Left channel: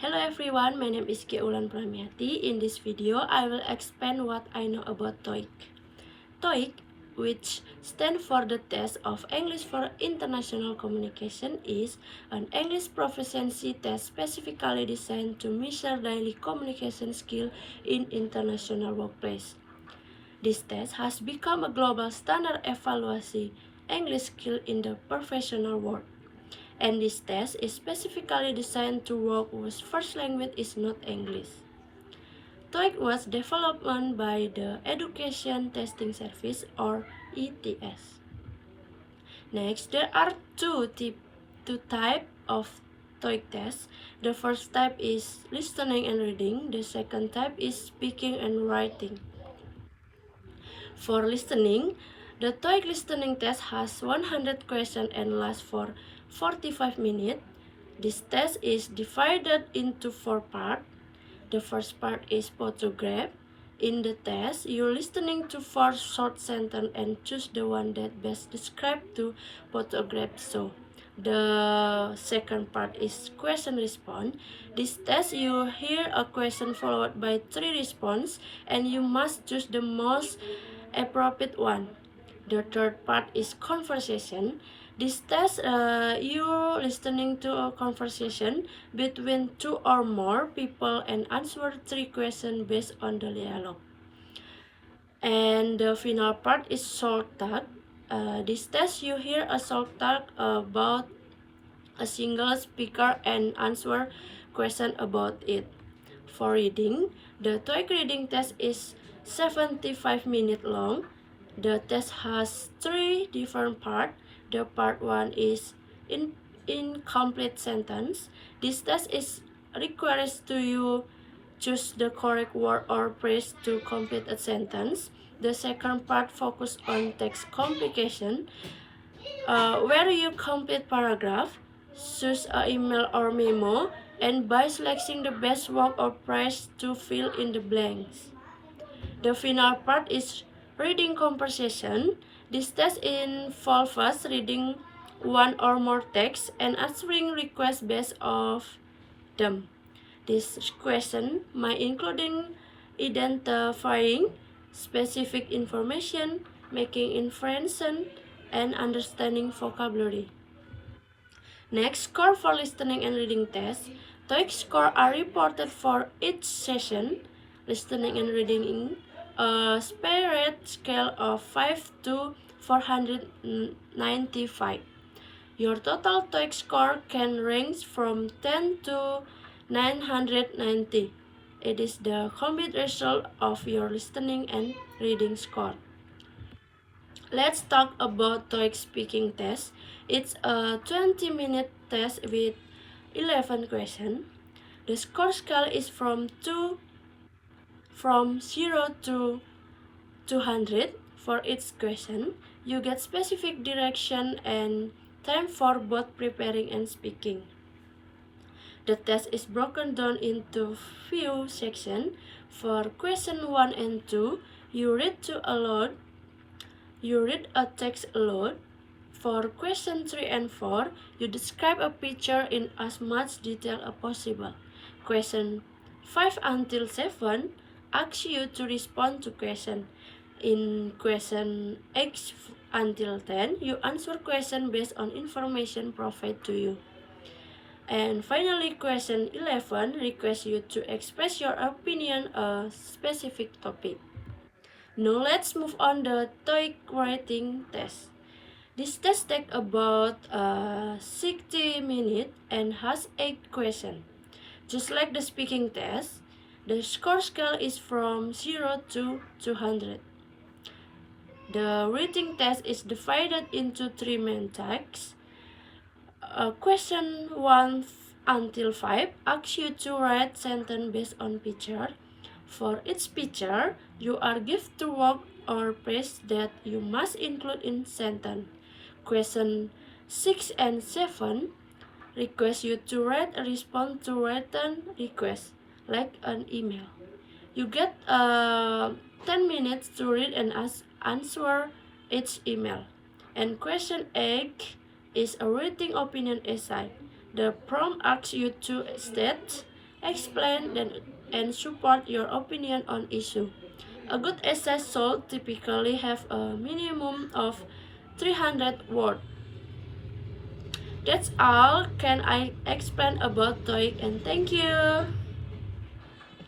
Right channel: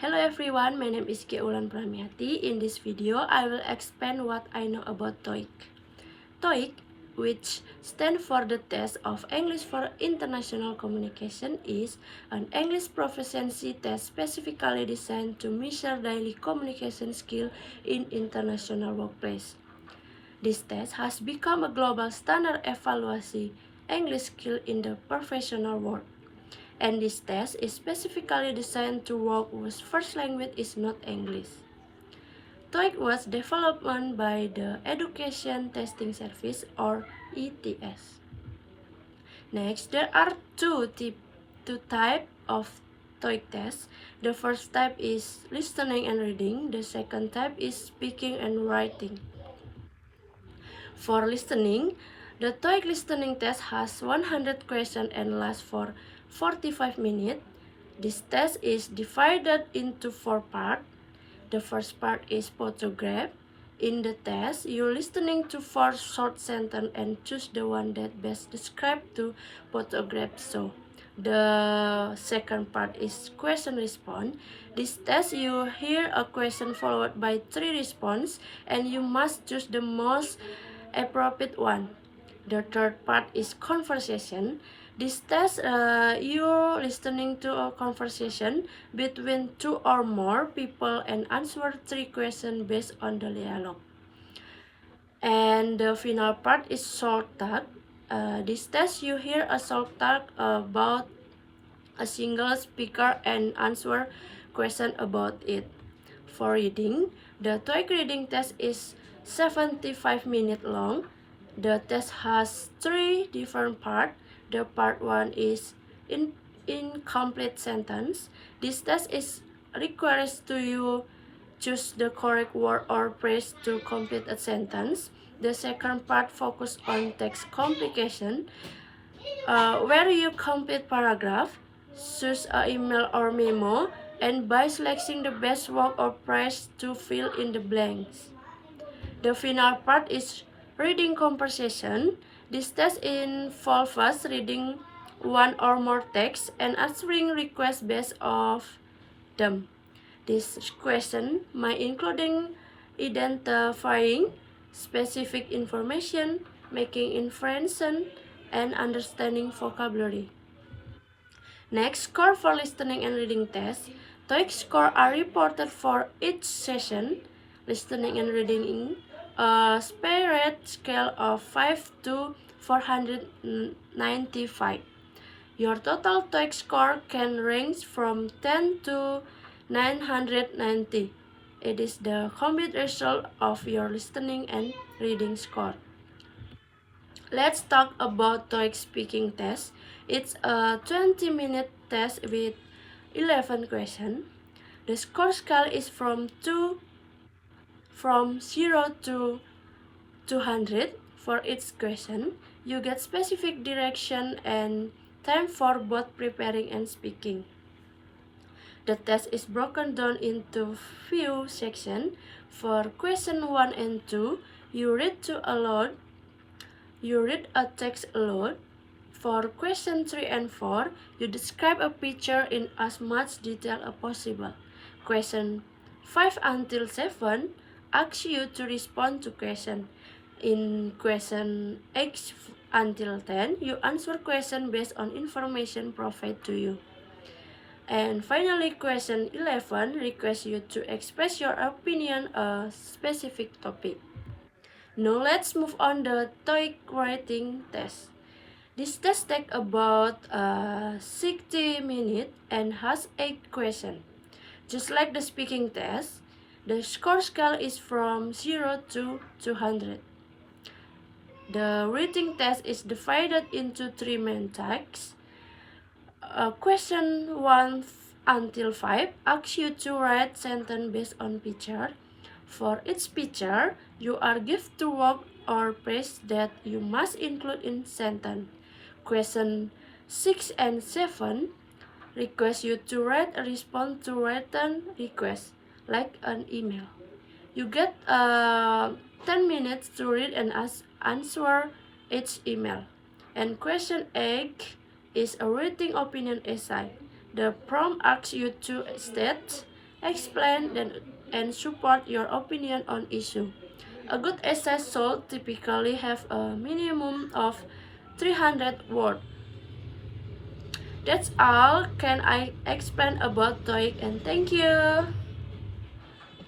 Hello everyone, my name is Keulan Pramiati. In this video, I will explain what I know about TOEIC. TOEIC, which stands for the Test of English for International Communication, is an English proficiency test specifically designed to measure daily communication skill in international workplace. This test has become a global standard evaluation English skill in the professional world. And this test is specifically designed to work whose first language is not English. TOEIC was developed by the Education Testing Service or ETS. Next, there are two types of TOEIC tests. The first type is listening and reading. The second type is speaking and writing. For listening, the TOEIC listening test has 100 questions and lasts for 45 minutes. This test is divided into 4 parts. The first part is photograph. In the test, you're listening to 4 short sentences and choose the one that best describes the photograph show. The second part is question response. This test, you hear a question followed by 3 responses and you must choose the most appropriate one. The third part is conversation. This test, you're listening to a conversation between 2 or more people and answer 3 questions based on the dialogue. And the final part is short talk. This test, you hear a short talk about a single speaker and answer question about it. For reading, the TOEIC reading test is 75 minutes long. The test has 3 different parts. The part 1 is incomplete sentence. This test requires you choose the correct word or phrase to complete a sentence. The second part focuses on text complication, where you complete paragraph, choose an email or memo, and by selecting the best word or phrase to fill in the blanks. The final part is reading conversation. This test involves us reading one or more texts and answering requests based off them. This question might include identifying specific information, making inferences, and understanding vocabulary. Next, score for listening and reading tests. TOEIC scores are reported for each session. Listening and reading a spirit scale of 5 to 495. Your total TOEIC score can range from 10 to 990. It is the combined result of your listening and reading score. Let's talk about TOEIC speaking test. It's a 20-minute test with 11 questions. The score scale is from 0 to 200. For each question, you get specific direction and time for both preparing and speaking. The test is broken down into few sections. For question 1 and 2, you read a text aloud. For question 3 and 4, you describe a picture in as much detail as possible. Question 5 until 7 asks you to respond to question. In question 8 until 10, you answer question based on information provided to you. And finally, question 11 requests you to express your opinion on a specific topic. Now let's move on the TOEIC writing test. This test takes about 60 minutes and has 8 questions. Just like the speaking test, the score scale is from 0 to 200. The reading test is divided into 3 main types. Question 1 until 5 asks you to write sentence based on picture. For each picture, you are given to word or phrase that you must include in sentence. Question 6 and 7 request you to write a response to written request, like an email. You get 10 minutes to read and answer each email. And question 8 is a written opinion essay. The prompt asks you to state explain and support your opinion on issue. A good essay should typically have a minimum of 300 words. That's all can I explain about TOEIC, and thank you.